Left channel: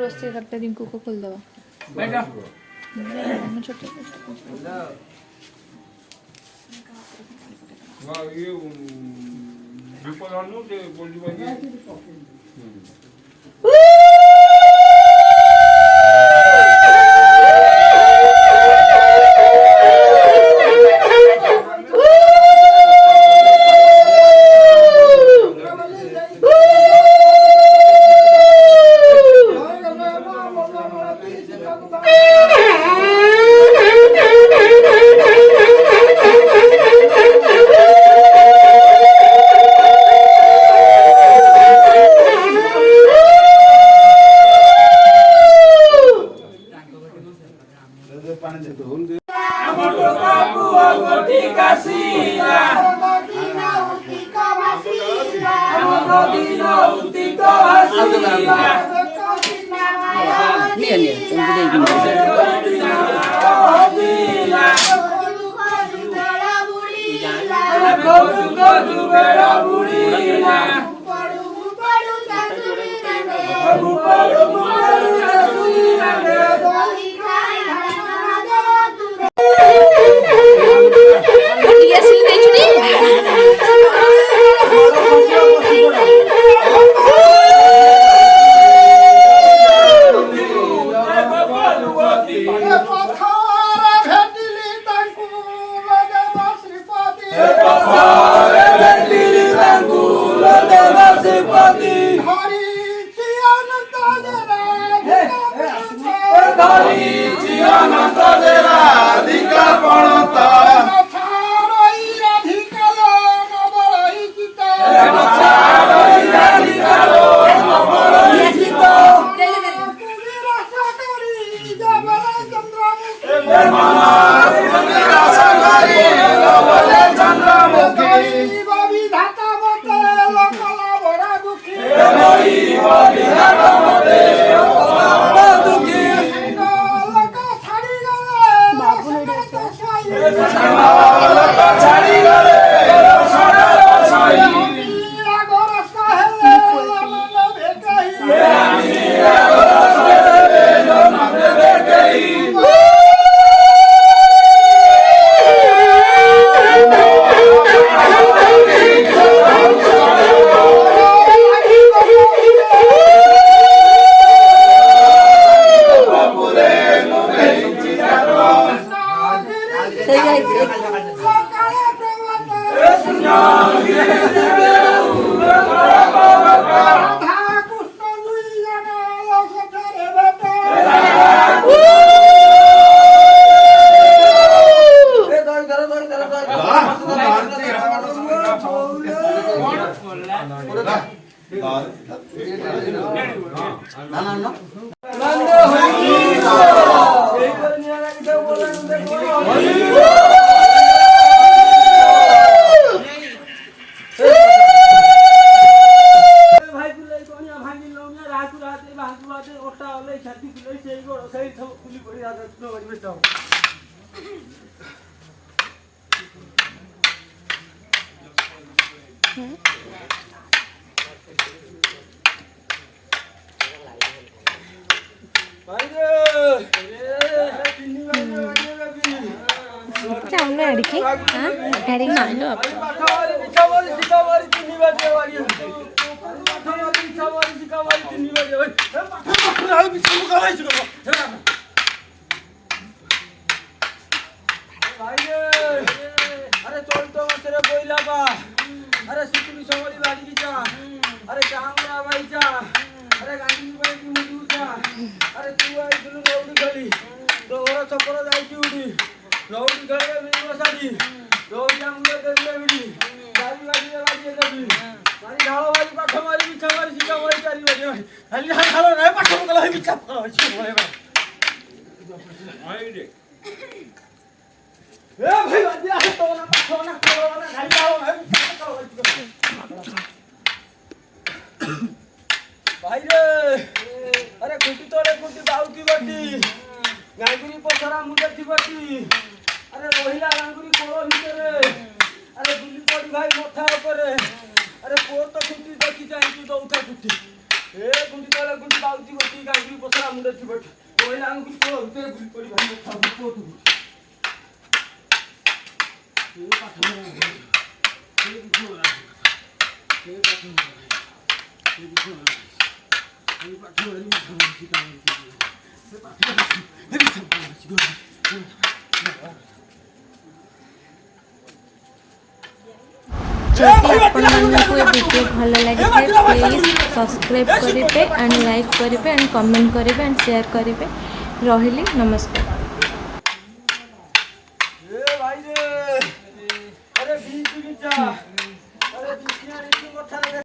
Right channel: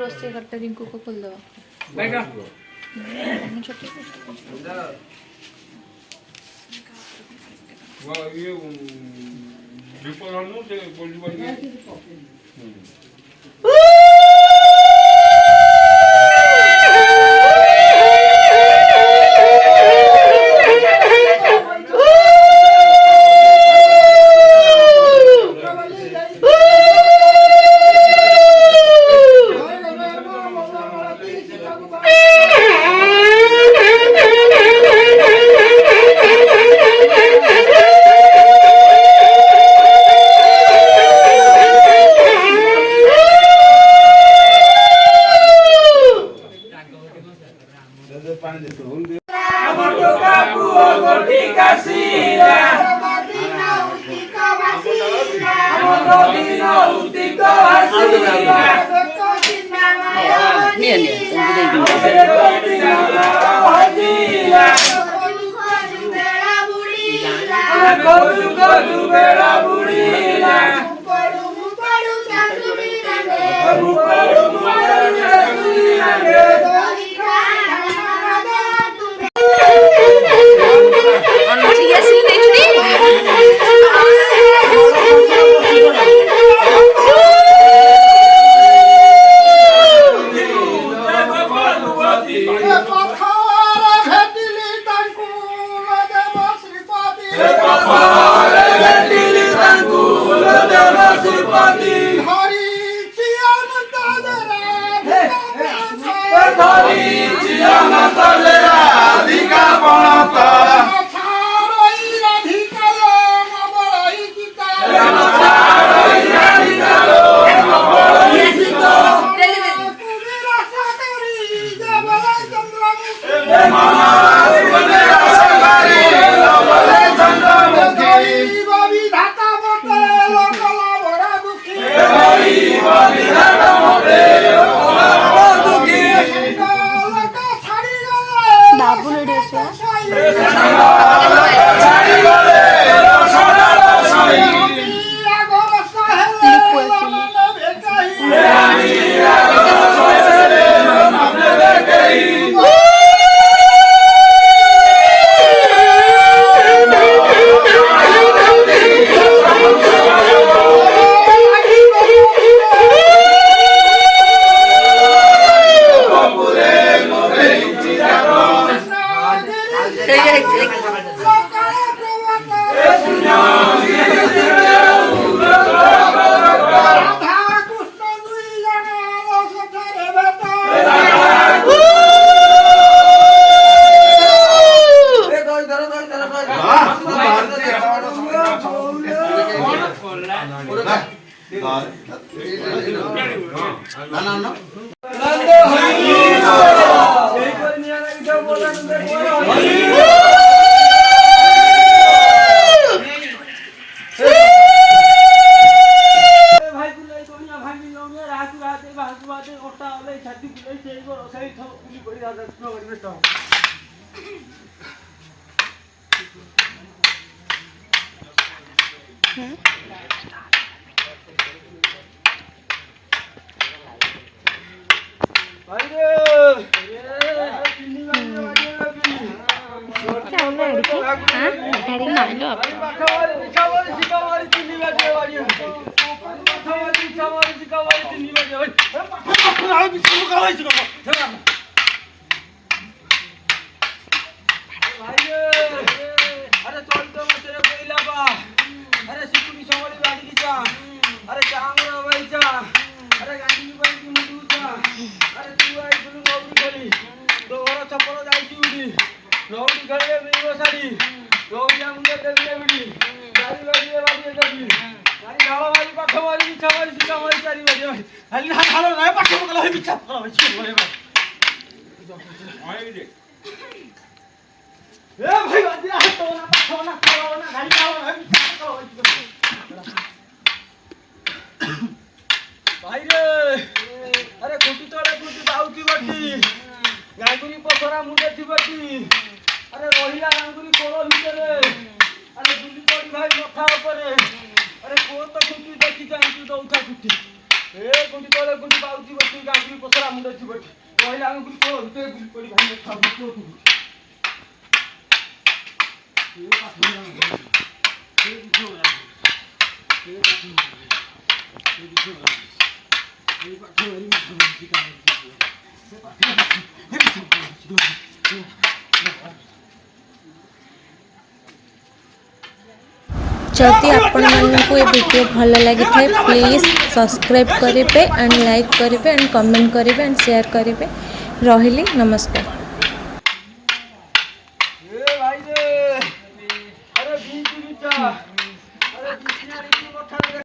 रोषेई घरटा रिंकू को खोल दो अरे चलते मत रे बोइला बा अरे सिकुड़ी सवारी बाड़ी की जा अरे चांगरा भाई जा अरे गांधी भाई की मुंडू जा अरे तू आई तुलु गौड़ी गली तो ओरा चपरा जाई की उडी गौड़ी गले बिनो साडी गौड़ी मुंडे देले बिडी गाड़ी गाड़ी बाड़ी देबी गाड़ी ढाळो वाली पाठ मारी बिछा मारी सिका मारी चारी बाड़ी हली ढाळो नाही पाठ मगला ही बिछा छी बोले बा आई रे ए भाई बाजी आ तो ना गाड़ी ढाळो भाई रे अरे कुटी तोड़े कुटी बाऊ की बटी गांगुरी पोसरा मुंडे थी बटी अरे रोहिला गांगुरी कोलो भितरे अरे गुली पड़ी भाई मथा ऊपर अरे को तो कुटी देखी जाई तू तो उठा कुटी ए कुटी तोड़े कुटी बाऊ की बटी गांगुरी पोसरा मुंडे थी बटी रोहिला गांगुरी कोलो भितरे गुली पड़ी भाई मथा ऊपर तू ये पाठो ना ये दिखो ना ये पाठो ना ये दिखो ना ये पाठो ना ये काम ये पाठो जदि आपण मानकु ये वीडियो भल लगी थे प्लीज सब्सक्राइब करेंगे एंड लाइक करेंगे एंड कमेंट करेंगे एंड शेयर करेंगे। रही नमस्कार।